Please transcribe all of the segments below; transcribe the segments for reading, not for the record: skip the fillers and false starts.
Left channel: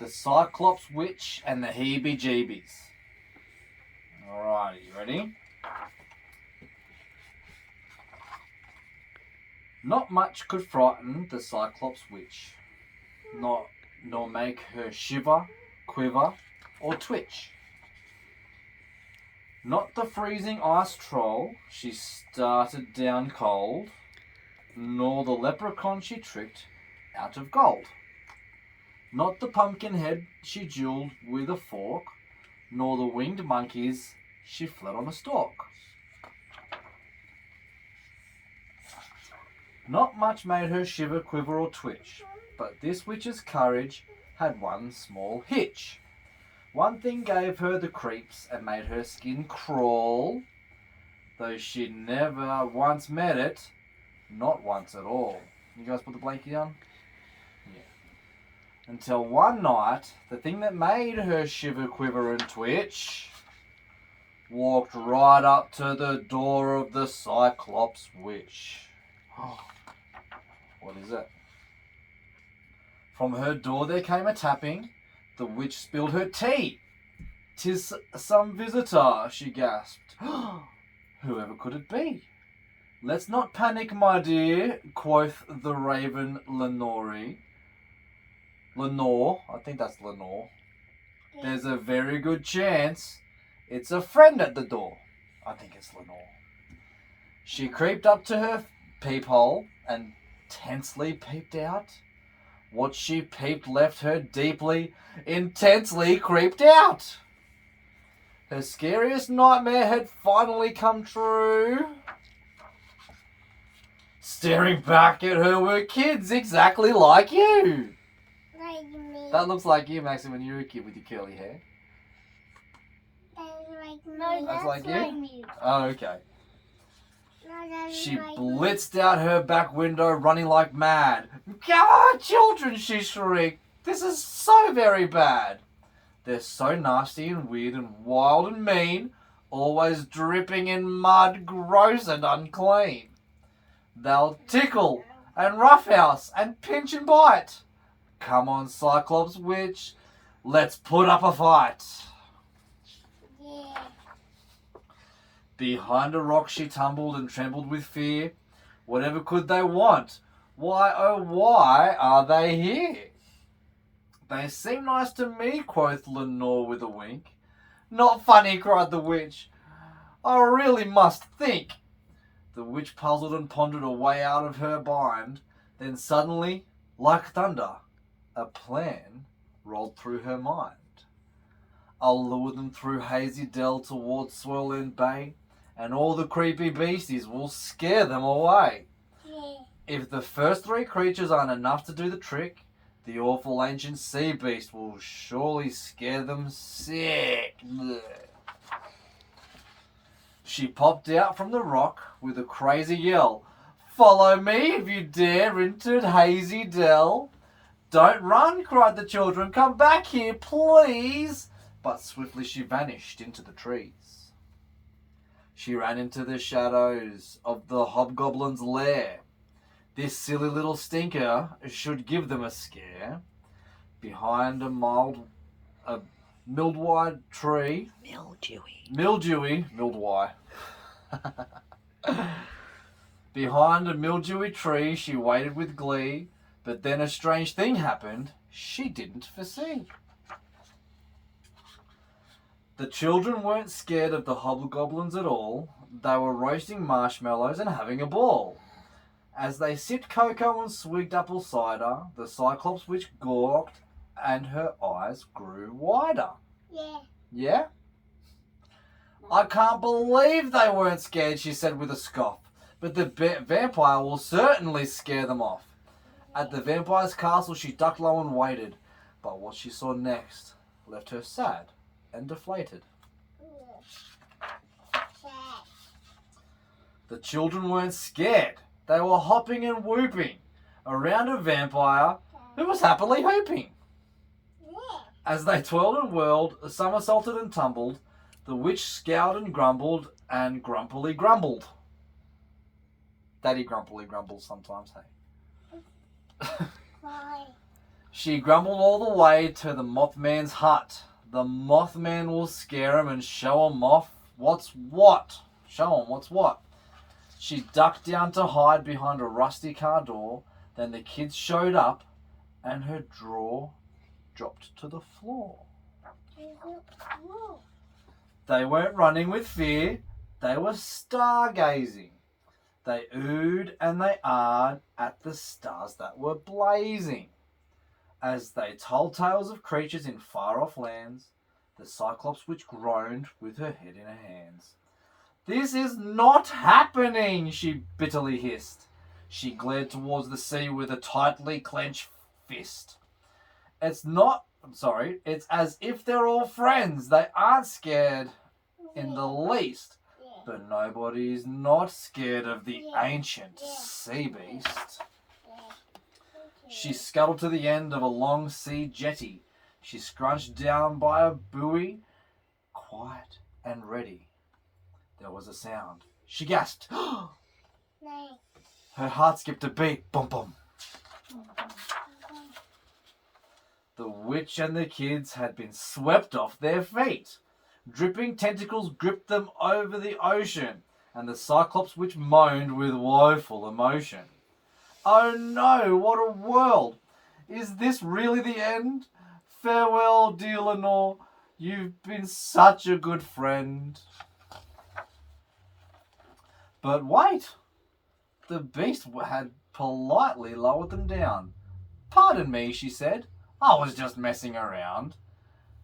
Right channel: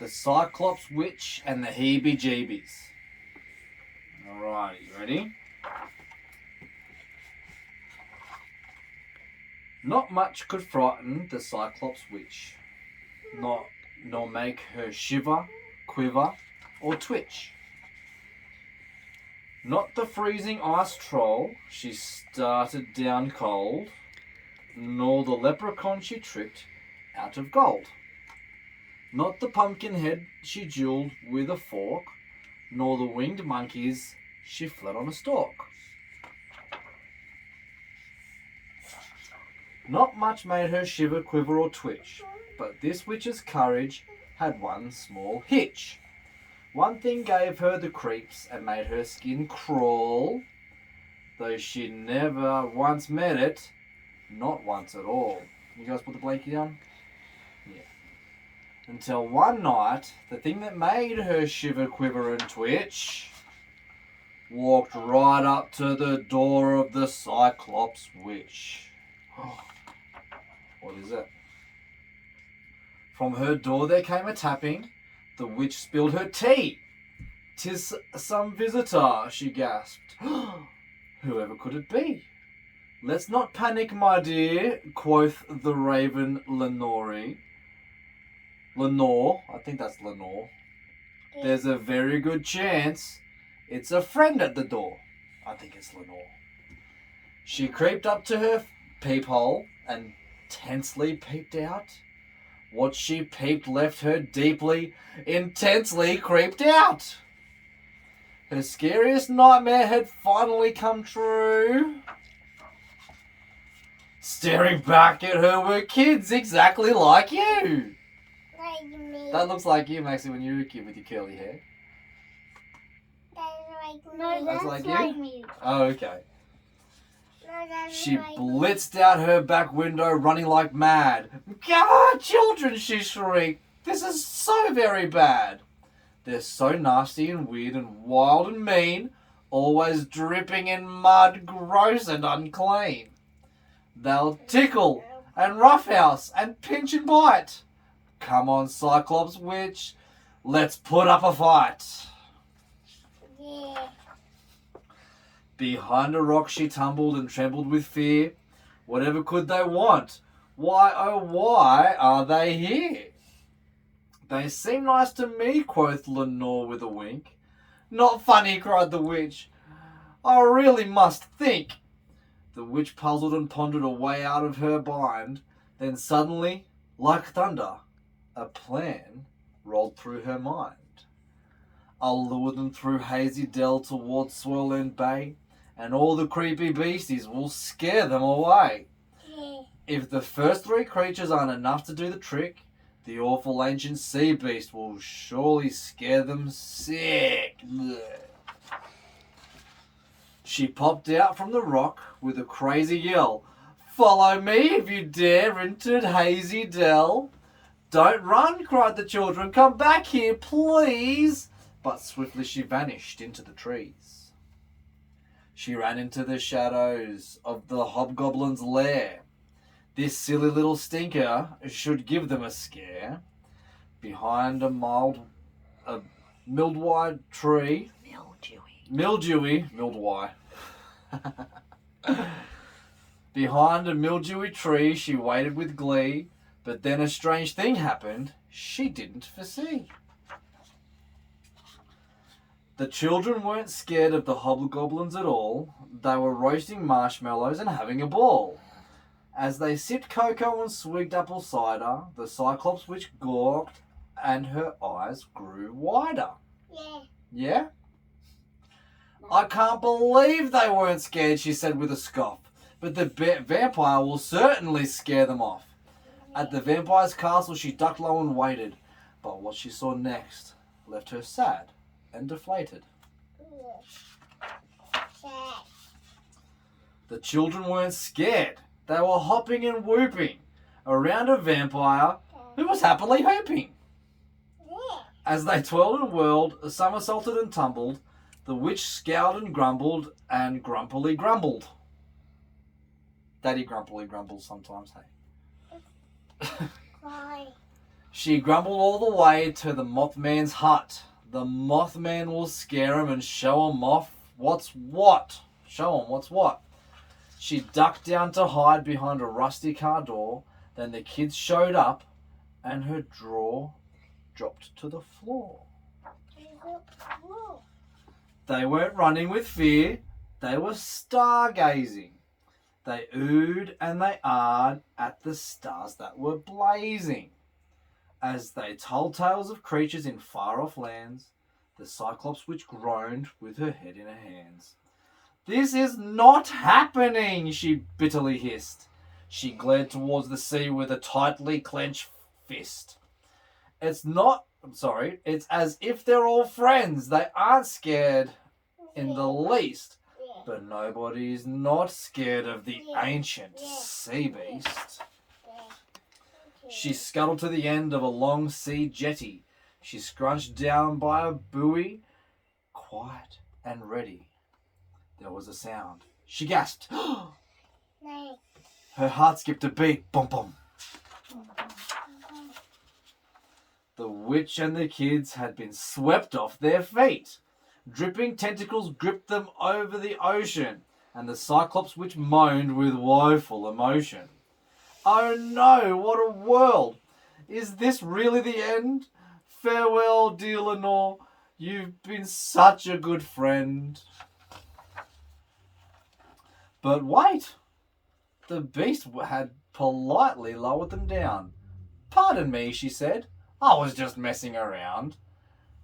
The Cyclops Witch and the Heebie-Jeebies. Alright, you ready? Not much could frighten the Cyclops Witch, nor make her shiver, quiver, or twitch. Not the freezing ice troll she started down cold, nor the leprechaun she tricked out of gold. Not the pumpkin head she jeweled with a fork, nor the winged monkeys she fled on a stalk. Not much made her shiver, quiver, or twitch, but this witch's courage had one small hitch. One thing gave her the creeps and made her skin crawl, though she never once met it, not once at all. You guys put the blankie on? Yeah. Until one night, the thing that made her shiver, quiver, and twitch walked right up to the door of the Cyclops Witch. What is it? From her door there came a tapping. The witch spilled her tea. "'Tis some visitor," she gasped. "Whoever could it be?" "Let's not panic, my dear," quoth the raven Lenore. Lenore, I think that's Lenore. "There's a very good chance it's a friend at the door." I think it's Lenore. She creeped up to her peephole and tensely peeped out. What she peeped left her deeply, intensely creeped out. Her scariest nightmare had finally come true. Staring back at her were kids exactly like you. Like me. That looks like you, Maxie, when you were a kid with your curly hair. That's like me. No, that's like like you? me. Oh, okay. No, that's She like blitzed out her back window, running like mad. "God, children," she shrieked. "This is so very bad. They're so nasty and weird and wild and mean, always dripping in mud, gross and unclean. They'll tickle and roughhouse and pinch and bite. Come on, Cyclops Witch, let's put up a fight." Yeah. Behind a rock she tumbled and trembled with fear. Whatever could they want? Why, oh why are they here? "They seem nice to me," quoth Lenore with a wink. "Not funny," cried the witch. "I really must think." The witch puzzled and pondered a way out of her bind. Then suddenly, like thunder, a plan rolled through her mind. "I'll lure them through hazy dell towards Swirlend Bay, and all the creepy beasties will scare them away. Yeah. If the first three creatures aren't enough to do the trick, the awful ancient sea beast will surely scare them sick." Blech. She popped out from the rock with a crazy yell. "Follow me if you dare into Hazy Dell." "Don't run," cried the children. "Come back here, please." But swiftly she vanished into the trees. She ran into the shadows of the hobgoblin's lair. This silly little stinker should give them a scare. Behind a mildewy tree. Mildewy. Behind a mildewy tree she waited with glee, but then a strange thing happened she didn't foresee. The children weren't scared of the hobgoblins at all. They were roasting marshmallows and having a ball. As they sipped cocoa and swigged apple cider, the Cyclops Witch gawked and her eyes grew wider. Yeah. Yeah? "I can't believe they weren't scared," she said with a scoff. "But the vampire will certainly scare them off." At the vampire's castle she ducked low and waited. But what she saw next left her sad and deflated. Sad. The children weren't scared. They were hopping and whooping around a vampire who was happily hooping. Yeah. As they twirled and whirled, somersaulted and tumbled, the witch scowled and grumbled and grumpily grumbled. Daddy grumpily grumbles sometimes, hey? Why? She grumbled all the way to the Mothman's hut. The Mothman will scare him and show him off what's what. Show him what's what. She ducked down to hide behind a rusty car door. Then the kids showed up and her drawer dropped to the floor. They weren't running with fear. They were stargazing. They oohed and they ahed at the stars that were blazing. As they told tales of creatures in far-off lands, the Cyclops Witch groaned with her head in her hands. "This is not happening," she bitterly hissed. She glared towards the sea with a tightly clenched fist. It's as if they're all friends. They aren't scared in the least. But nobody's not scared of the ancient sea beast. She scuttled to the end of a long sea jetty. She scrunched down by a buoy, quiet and ready. There was a sound. She gasped. Her heart skipped a beat. Boom, boom. The witch and the kids had been swept off their feet. Dripping tentacles gripped them over the ocean, and the Cyclops Witch moaned with woeful emotion. "Oh no, what a world! Is this really the end? Farewell, dear Lenore. You've been such a good friend." But wait! The beast had politely lowered them down. "Pardon me," she said. "I was just messing around."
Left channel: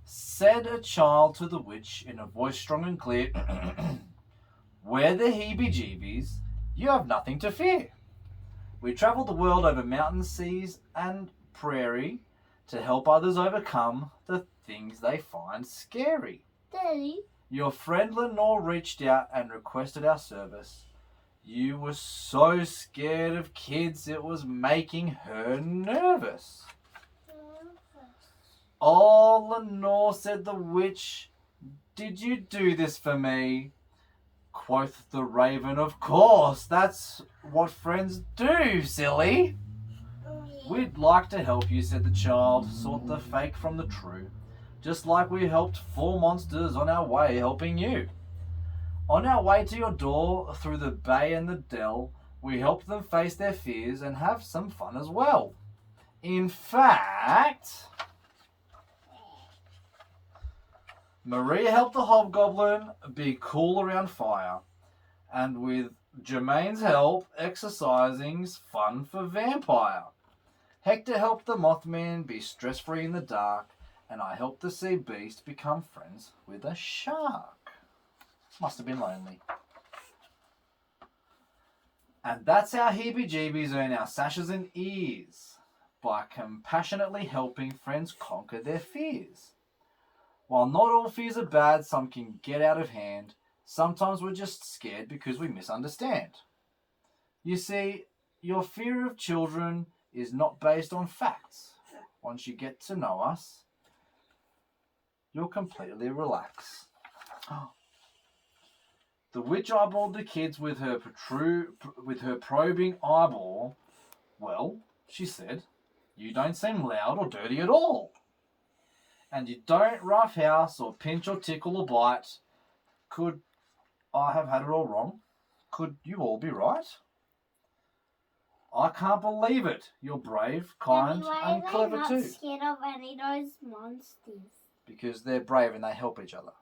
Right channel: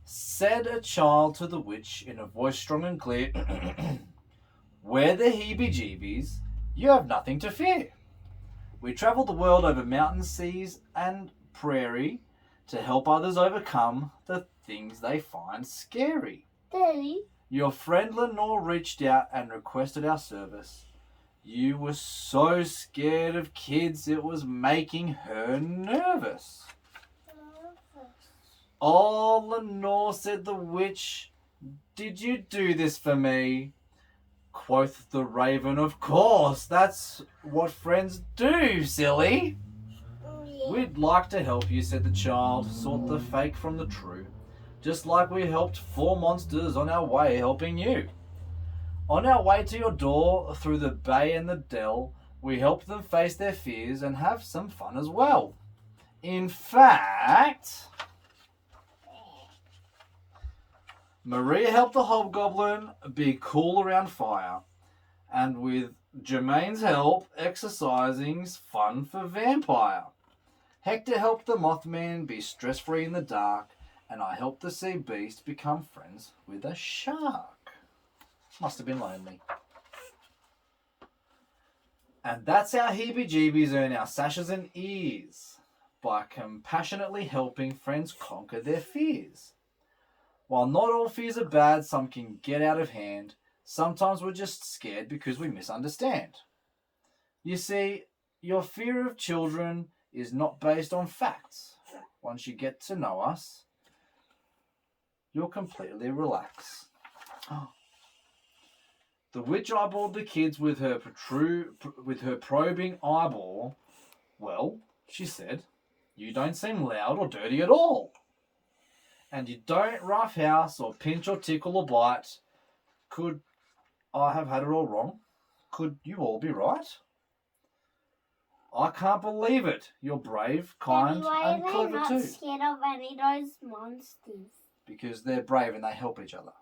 Said a child to the witch in a voice strong and clear, "We're the Heebie-Jeebies. You have nothing to fear. We travel the world over mountains, seas, and prairie to help others overcome the things they find scary." Daddy. Your friend Lenore reached out and requested our service. You were so scared of kids it was making her nervous. "Oh, Lenore," said the witch, "did you do this for me?" Quoth the raven, "Of course, that's what friends do, silly." "We'd like to help you," said the child, "sort the fake from the true, just like we helped 4 monsters on our way helping you. On our way to your door, through the bay and the dell, we helped them face their fears and have some fun as well. In fact, Maria helped the hobgoblin be cool around fire, and with Jermaine's help, exercising's fun for vampire. Hector helped the Mothman be stress-free in the dark, and I helped the sea beast become friends with a shark. Must have been lonely. And that's how Heebie-Jeebies earn our sashes and ears, by compassionately helping friends conquer their fears. While not all fears are bad, some can get out of hand. Sometimes we're just scared because we misunderstand. You see, your fear of children is not based on facts. Once you get to know us, you'll completely relax. The witch eyeballed the kids with her probing eyeball. "Well," she said, "you don't seem loud or dirty at all. And you don't roughhouse or pinch or tickle or bite. Could I have had it all wrong? Could you all be right? I can't believe it. You're brave, kind, and clever too." Why are they not scared of any of those monsters? Because they're brave and they help each other.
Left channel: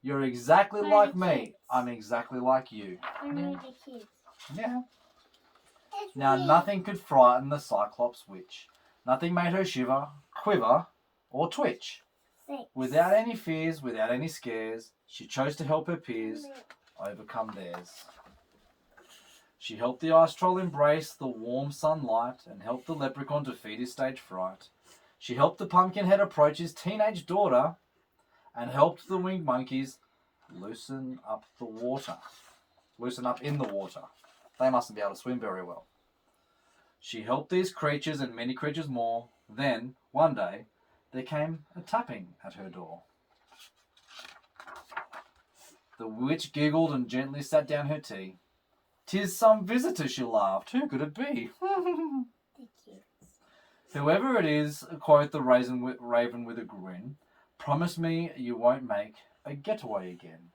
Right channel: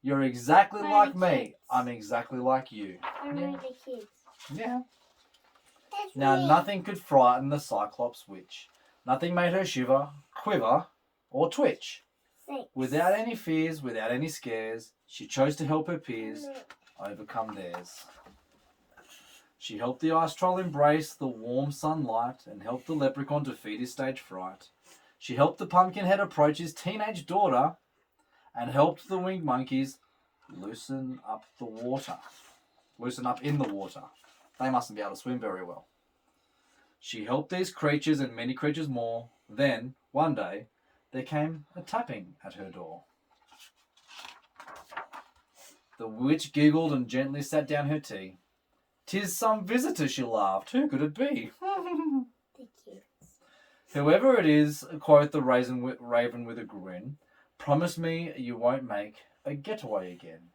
You're exactly like me. Kids. I'm exactly like you. Only the kids. Yeah. Now nothing could frighten the Cyclops Witch. Nothing made her shiver, quiver, or twitch. 6. Without any fears, without any scares, she chose to help her peers overcome theirs. She helped the ice troll embrace the warm sunlight and helped the leprechaun defeat his stage fright. She helped the pumpkinhead approach his teenage daughter and helped the winged monkeys loosen up in the water. They mustn't be able to swim very well. She helped these creatures and many creatures more. Then, one day, there came a tapping at her door. The witch giggled and gently sat down her tea. "'Tis some visitor," she laughed. "Who could it be?" The kids. Whoever it is, quote the raven with a grin, promise me you won't make a getaway again.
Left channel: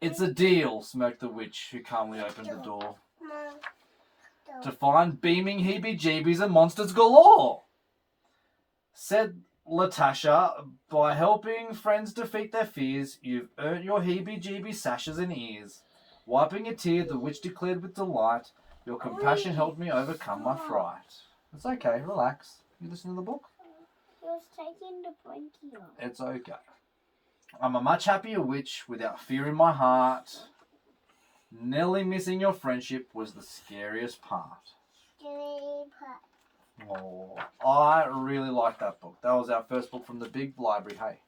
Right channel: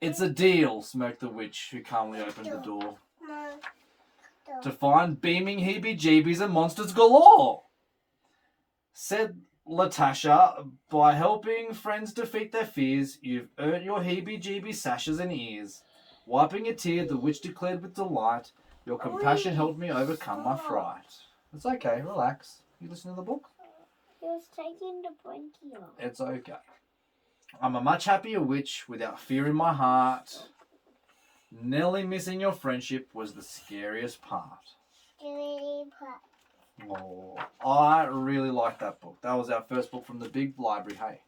It's a deal, smirked the witch, who calmly opened the door. To find beaming heebie-jeebies and monsters galore. Said Latasha, by helping friends defeat their fears, you've earned your heebie-jeebie sashes and ears. Wiping a tear, the witch declared with delight, your compassion helped me overcome my fright. It's okay, relax. You listen to the book? He was taking the blankie off. It's okay. I'm a much happier witch without fear in my heart. Nearly missing your friendship was the scariest part. Oh, I really like that book. That was our first book from the big library. Hey.